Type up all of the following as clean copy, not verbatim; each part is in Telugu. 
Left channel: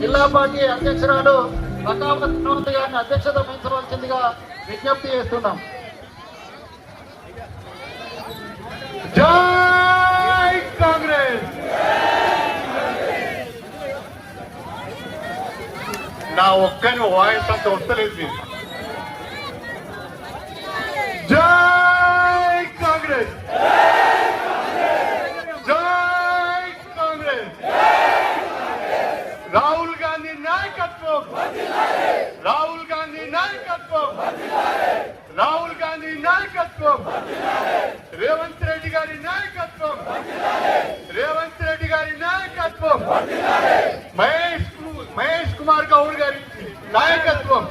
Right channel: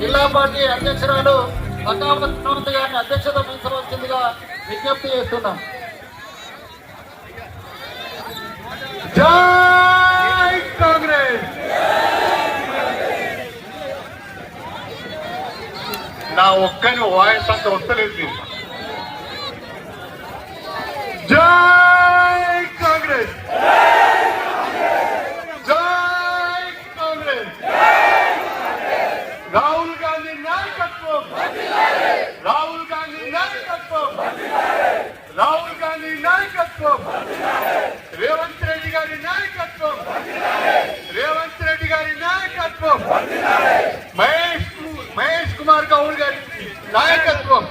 జిల్లా పార్టీ అధ్యక్షురాలు బకావత్ గారిని అధ్యక్షత వహించవలసిందిగా విజ్ఞప్తి చేస్తున్నాం. జై కాంగ్రెస్. నా ఒక్కరి వాయిస్ అంత వస్తలేదు. జై కాంగ్రెస్. జై కాంగ్రెస్. రాహుల్ గాంధీ నాయకత్వం. రాహుల్ గాంధీ నాయకత్వం. రాహుల్ గాంధీ నాయకత్వం. రేవంత్ రెడ్డి గారి నాయకత్వం. రేవంత్ రెడ్డి గారి నాయకత్వం. మహేష్ కుమార్ గౌడ్ గారి నాయకత్వం.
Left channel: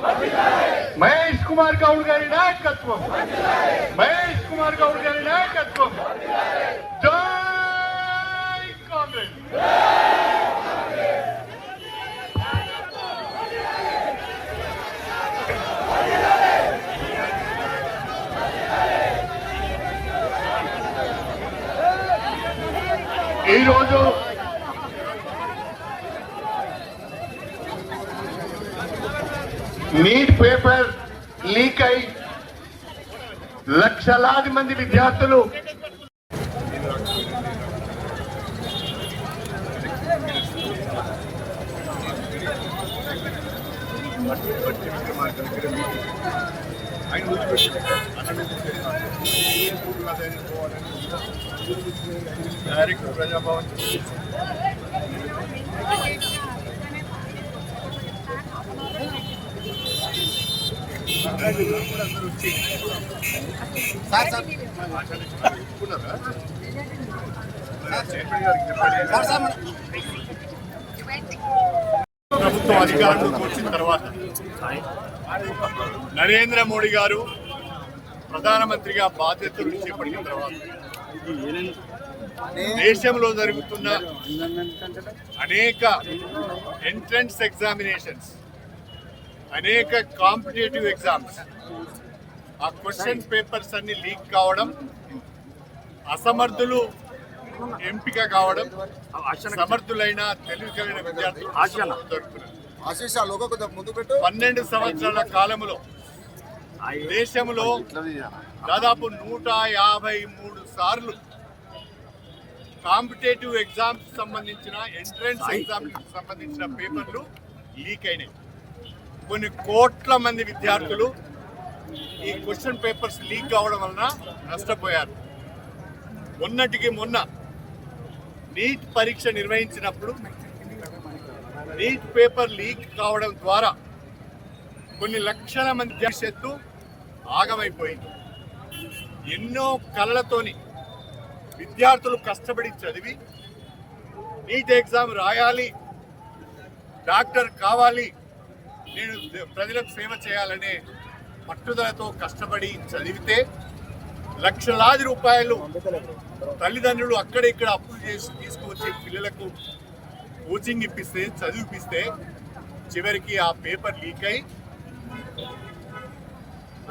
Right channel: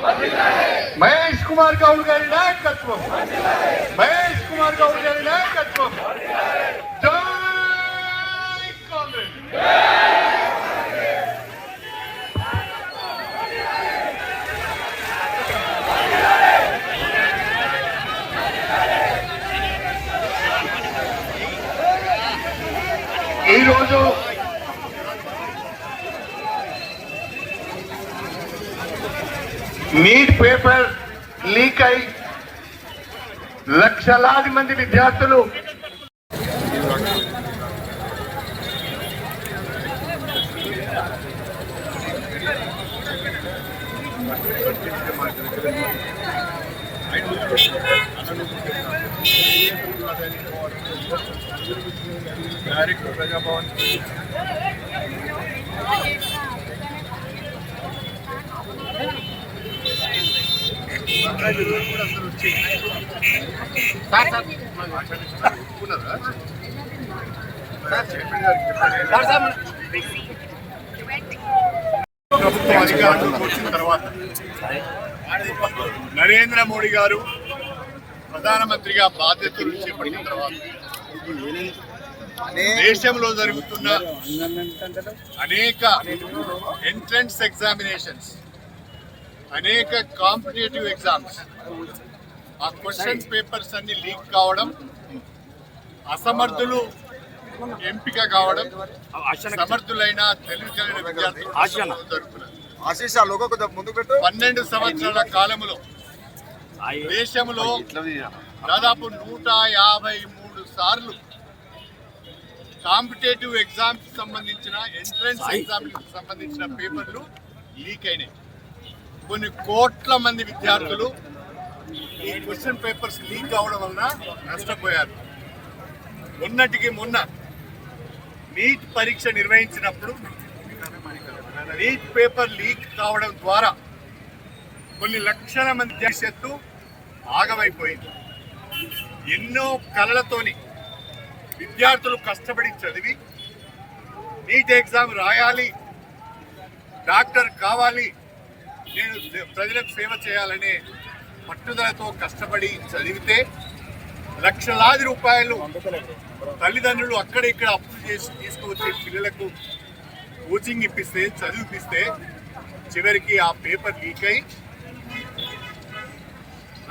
మహేష్ కుమార్ గౌడ్ గారి నాయకత్వం. మహేష్ కుమార్ గౌడ్ గారి నాయకత్వం. జై కాంగ్రెస్. ఈరోజు నీట్ పేపర్ లీక్ అయి లక్షలాది మంది విద్యార్థులు డైరెక్ట్ ప్రజాభవన్ ప్రభుత్వం అధికారంలోకి వచ్చిన తర్వాత నరేంద్ర మోడీ గారు ప్రధానమంత్రిగా బాధ్యతలు చేపట్టిన తర్వాత దేశంలో జరుగుతున్న అనేక ఎంట్రన్స్ ఎగ్జామినేషన్స్, అనేక కాంపిటేటివ్ ఎగ్జామ్స్, ఆ క్వశ్చన్ పేపర్స్ అన్ని లీక్ కావడం, అసమర్థులు ఎంపిక కావడం, సమర్థులైన తెలివి కలిగిన విద్యార్థులు జరుగుతున్నారు. 12 సంవత్సరాల కాలంలో దేశంలో దాదాపు 153 సార్లు కాంపిటేటివ్ ఎగ్జామ్స్ సంబంధించిన ఎంట్రన్స్ ఎగ్జామ్స్ సంబంధించిన పేపర్లు లీక్ అయినాయి. కొన్ని కోట్ల మంది విద్యార్థులు ఈ క్వశ్చన్ పేపర్స్ లీక్ కావడం వలన నష్టపోయారు. మొన్నటికి మొన్న నీట్ పరీక్ష నిర్వహించినప్పుడు నీట్ పేపర్ లీక్ కావడం ద్వారా కొన్ని లక్షల మంది భవిష్యత్తు ఆగమైపోయింది. ఎన్నో కళలతోని విద్యార్థులు కష్టపడి చదివి నీట్ ఎగ్జామ్ రాయాలి, డాక్టర్ కావాలి, నేను ప్రజలకు సేవ చేయాలనే పట్టుదలతో కష్టపడి చదివితే లక్షలాది రూపాయలు తల్లిదండ్రులు అక్కడ ఇక్కడ అప్పులు చేసి తీసుకువచ్చే పిల్లలకు కోచింగ్ ఇప్పిస్తే, చదివిపిస్తే చివరికి ఆ పేపర్ లీక్ అయి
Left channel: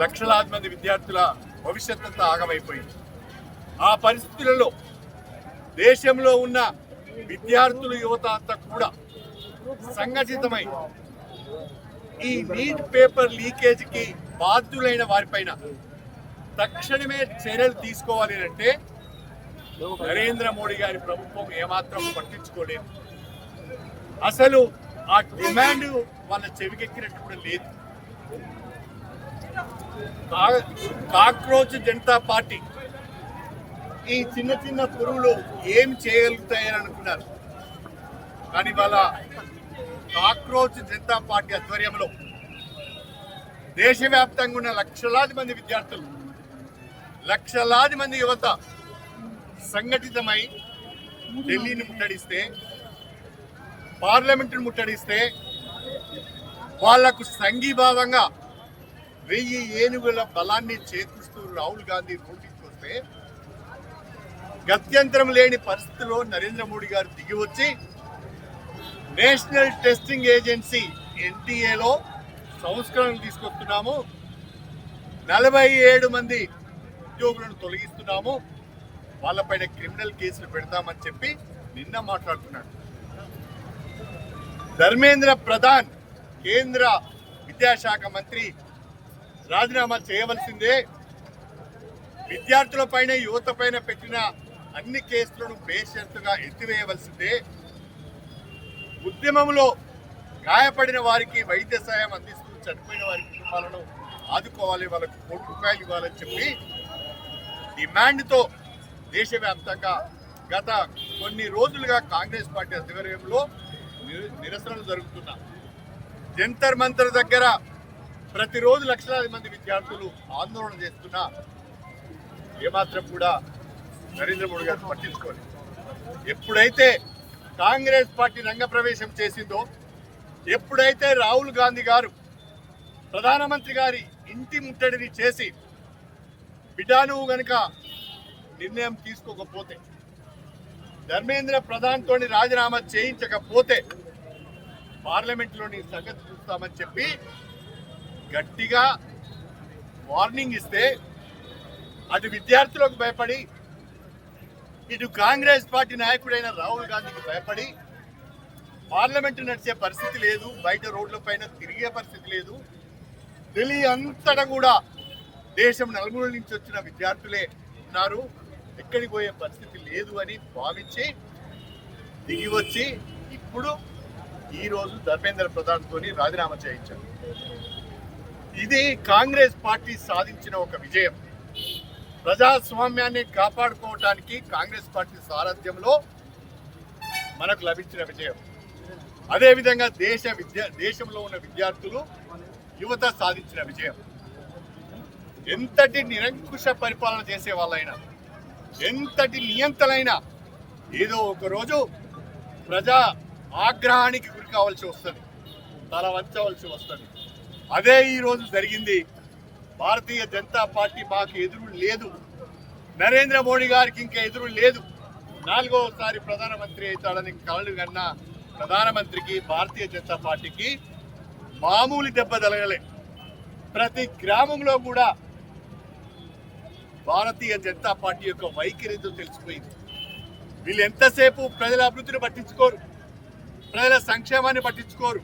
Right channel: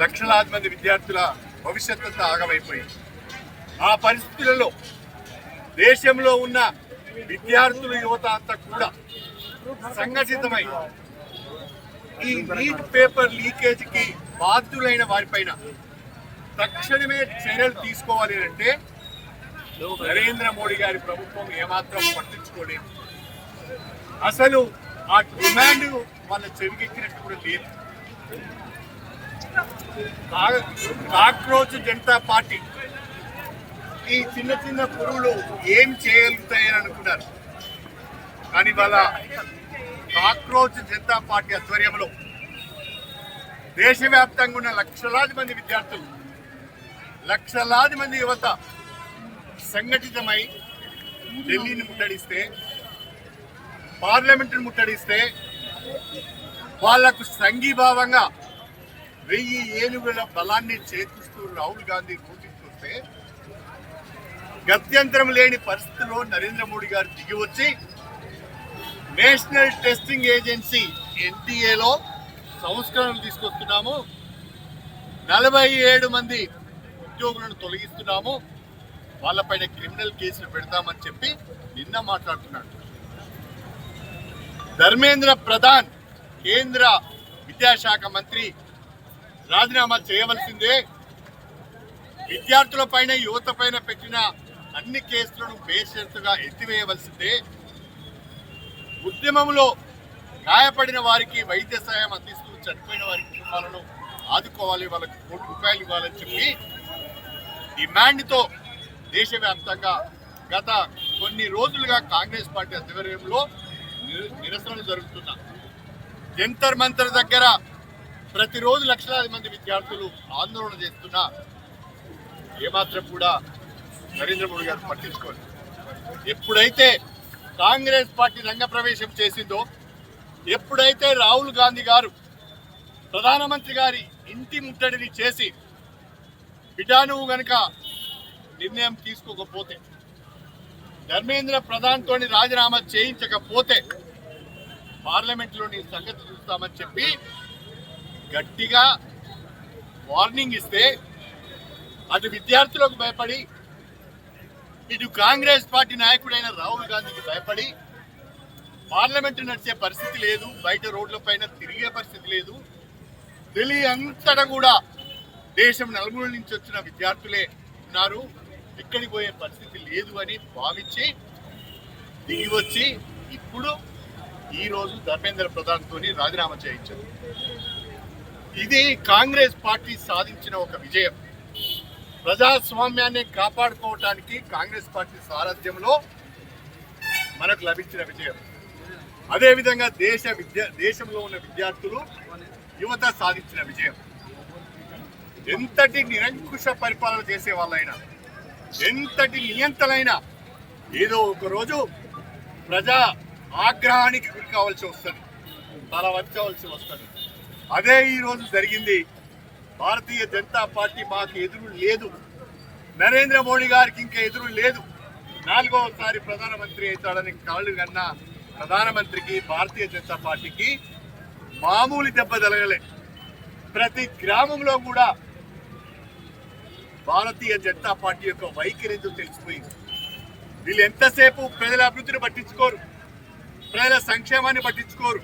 లక్షలాది మంది విద్యార్థుల భవిష్యత్తు అంతా ఆగమైపోయింది. ఆ పరిస్థితులలో దేశంలో ఉన్న విద్యార్థులు, యువత అంతా కూడా సంఘటితమై ఈ నీట్ పేపర్ లీకేజీకి బాధ్యులైన వారిపైన తక్షణమే చర్యలు తీసుకోవాలి అంటే నరేంద్ర మోడీ గారి ప్రభుత్వం ఏమాత్రం పట్టించుకోలేదు. అసలు ఆ డిమాండ్ వాళ్ళ చెవికెక్కినట్టు కూడా లేదు. కాక్రోచ్ జనతా పార్టీ ఈ చిన్న చిన్న పురుగులు ఏం చేయగలుగుతాయని అనుకున్నారు. కానీ వాళ్ళ కాక్రోచ్ జనతా పార్టీ ఆధ్వర్యంలో దేశవ్యాప్తంగా ఉన్న లక్షలాది మంది విద్యార్థులు, లక్షలాది మంది యువత సంఘటితమై ఢిల్లీని ముట్టడిస్తే, పార్లమెంటును ముట్టడిస్తే వాళ్లకు సంఘీభావంగా 1000 ఏనుగుల బలాన్ని చేకూరుస్తూ రాహుల్ గాంధీ నోటికొస్తే గత్యంతరం లేని పరిస్థితుల్లో నరేంద్ర మోడీ గారు దిగి వచ్చి నేషనల్ టెస్టింగ్ ఏజెన్సీ NTA లో సంస్కరణలు తీసుకొస్తున్నాము, 47 మంది ఉద్యోగులను తొలగిస్తున్నాము, వాళ్ళపైన క్రిమినల్ కేసులు పెడతామని చెప్పి నిన్న మాట్లాడుతున్నాడు. ధర్మేంద్ర ప్రధాన్ కేంద్ర విద్యాశాఖ మంత్రి రాజీనామా చేయవలసిందే, విద్యార్థులపైన యువతపైన పెట్టిన అన్ని కేసులను బేషరతుగా ఎత్తివేయవలసిందే, ఉద్యమంలో గాయపడిన వారికి వైద్య సాయం అందిస్తూ చనిపోయిన వారి కుటుంబాలను ఆదుకోవాలి, వాళ్ళకు ₹1 కోటి ఇవ్వాలని చెప్పి డిమాండ్తో దేశవ్యాప్తంగా గత కొన్ని రోజులుగా కాంగ్రెస్ పార్టీ ఆధ్వర్యంలో నిరసనలు జరుగుతున్నా. జంతర్ మంతర్ దగ్గర ప్రతిరోజు లక్షలాది మంది విద్యార్థులు ఆందోళన చేస్తున్నా ఏమాత్రం కూడా నరేంద్ర మోడీ గారు పట్టించుకోలేదు. ఎప్పుడైతే కాంగ్రెస్ పార్టీ రంగప్రవేశం చేసిందో, ఎప్పుడైతే రాహుల్ గాంధీ గారు ప్రధానమంత్రి గారి ఇంటి ముట్టడిని చేసి బిడ్డా నువ్వు గనుక నిర్ణయం తీసుకోకపోతే, ధర్మేంద్ర ప్రధాన్తో రాజీనామా చేయించకపోతే పార్లమెంట్లోని సంగతి చూస్తామని చెప్పి గట్టిగా వార్నింగ్ ఇస్తే, అటు విద్యార్థులకు భయపడి ఇటు కాంగ్రెస్ పార్టీ నాయకుడైన రాహుల్ గాంధీకి భయపడి పార్లమెంటు నడిచే పరిస్థితి లేదు, బయట రోడ్ల పైన తిరిగే పరిస్థితి లేదు, ఢిల్లీ అంతటా కూడా దేశం నలుమూల నుంచి వచ్చిన విద్యార్థులే ఉన్నారు, ఎక్కడికి పోయే పరిస్థితి లేదు అని భావించి దిగి వచ్చి ఇప్పుడు ఈరోజు ధర్మేంద్ర ప్రధాన్తో రాజీనామా చేయించారు. ఇది కాంగ్రెస్ పార్టీ సాధించిన ఒక విజయం. ప్రజాస్వామ్యాన్ని కాపాడుకోవటానికి కాంగ్రెస్ పార్టీ సారథ్యంలో మనకు లభించిన విజయం. అదేవిధంగా దేశంలో ఉన్న విద్యార్థులు యువత సాధించిన విజయం. ఎంతటి నిరంకుశ పరిపాలన చేసే వాళ్ళైనా, ఎంతటి నియంతలైనా ఏదో ఒక రోజు ప్రజా ఆగ్రహానికి గురి కావాల్సి వస్తుంది, తల వంచవలసి వస్తుంది. అదే ఈరోజు జరిగింది. భారతీయ జనతా పార్టీ మాకు ఎదురు లేదు, నరేంద్ర మోడీ గారికి ఇంకా ఎదురు లేదు. 4వసారి ప్రధానమంత్రి అవుతాడని కాళ్ళు కన్న ప్రధానమంత్రికి భారతీయ జనతా పార్టీకి మామూలు దెబ్బ తగలలే. ప్రతి గ్రామంలో కూడా భారతీయ జనతా పార్టీ యొక్క వైఖరితో తెలిసిపోయింది. వీళ్ళు ఎంతసేపు ప్రజల అభివృద్ధిని పట్టించుకోరు, ప్రజల సంక్షేమాన్ని పట్టించుకోరు,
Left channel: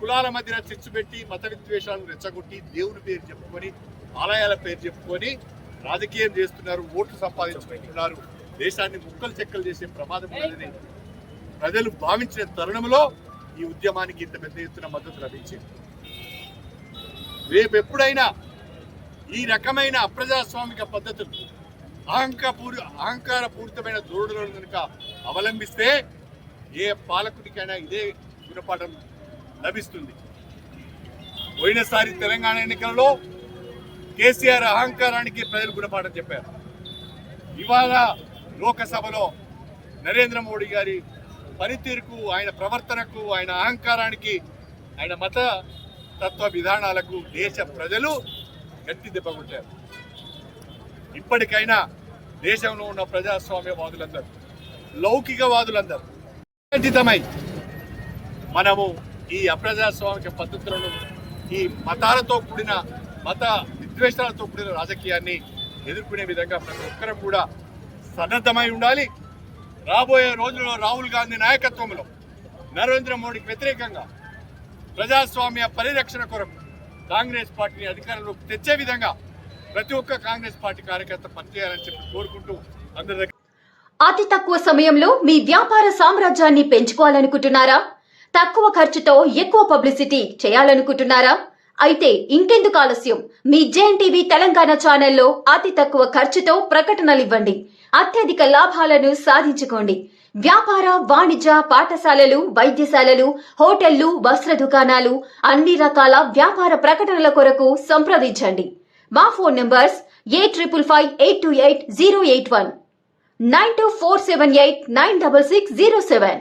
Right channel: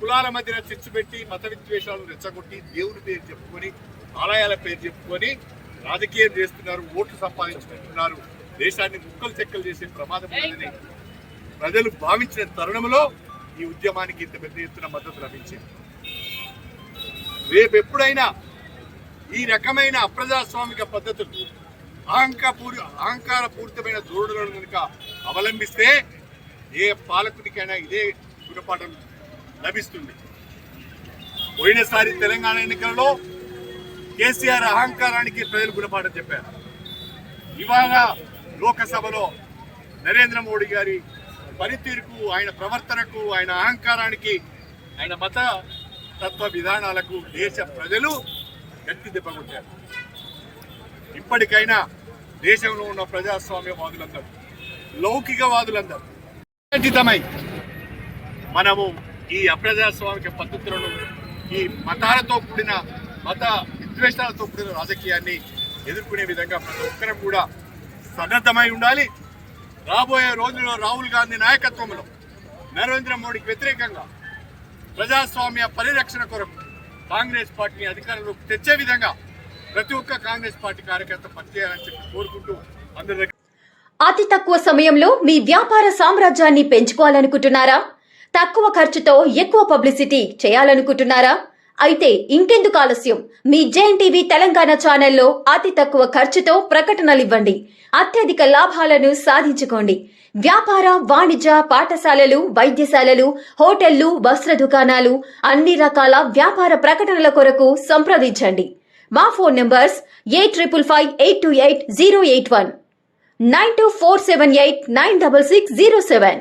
కులాల మధ్యన చిచ్చు పెట్టి మత విద్వేషాలను రెచ్చగొట్టి దేవుని పేరు చెప్పుకొని ఆలయాల పేరు చెప్పుకొని రాజకీయం చేస్తున్నారు, ఓట్లు సంపాదించుకుంటున్నారు, దేశాన్ని ముక్కలు చెక్కలు చేసే ప్రమాదం ఉందని ప్రజలు భావించిన తరుణంలో ఈ ఉద్యమానికి ఇంత పెద్ద ఎత్తున మద్దతు లభించింది. రేపు ఎప్పుడైనా ఈ రకమైన అప్రజాస్వామిక పద్ధతులు అహంకారపూరితమైన ధోరణులను కనుక అవలంబిస్తే ఏ పాలకుడికైనా ఇదే గుణపాఠం లభిస్తుంది. పోయినసారి తెలంగాణ ఎన్నికల్లో కేసీఆర్ అహంకారానికి ప్రజలు గుణపాఠం చెప్పారు. ఇవాళ లోకసభలో నరేంద్ర మోడీ గారి పనితీరుకు, ఆయన ప్రవర్తనకు, ఆయన అహంకారానికి, ఆయన మత తత్వ విధానాలకు దేశ ప్రజలు గట్టి దెబ్బ కొట్టారు. ఇప్పటికైనా దేశంలో ఉన్న ప్రజాస్వామ్యవాదులందరూ, లౌకికవాదులందరూ సంఘటితమై మనము ఈ అప్రజాస్వామిక పద్ధతులను, ఈ మతాలతో కూడిన మత విద్వేషాలతో కూడిన రాజకీయాన్ని ఎదుర్కొనే విధంగా ప్రతి ఒక్కరం కూడా సన్నద్ధమై ఉండాలి. రాబోయే రోజుల్లో రాహుల్ గాంధీ నాయకత్వంలో నరేంద్ర మోడీకి వ్యతిరేకంగా ప్రజాస్వామ్య పరిరక్షణ కొరకు కాంగ్రెస్ పార్టీని అధికారంలోకి తెచ్చే విధంగా ప్రతి ఒక్క కాంగ్రెస్ పార్టీ కార్యకర్త పనిచేయాలని చెప్పి కోరుకుంటూ అందరి దగ్గర. అతి తక్కువ సమయంలో మీ వ్యాపార సామ్రాజ్యాన్ని పెంచుకోవాలనుకుంటున్నారా? తక్కువ ఖర్చుతో ఎక్కువ పబ్లిసిటీ చేయాలనుకుంటున్నారా? అయితే ఇంకెందుకు ఆలస్యం? మీ జేఎన్టీవీ తెలంగాణ ఛానల్లో అతి తక్కువ ఖర్చుతో ప్రకటనలివ్వండి, అత్యధిక లాభాలను సాధించుకోండి. వ్యాపార, వాణిజ్య, పాఠశాలలు, వైద్యశాలలు, హోటళ్లు, వస్త్ర దుకాణాలు, అన్ని రకాల వ్యాపార ప్రకటనల కొరకు సంప్రదించండి. మా ఫోన్ నంబర్స్ 8558288081, 9247896607.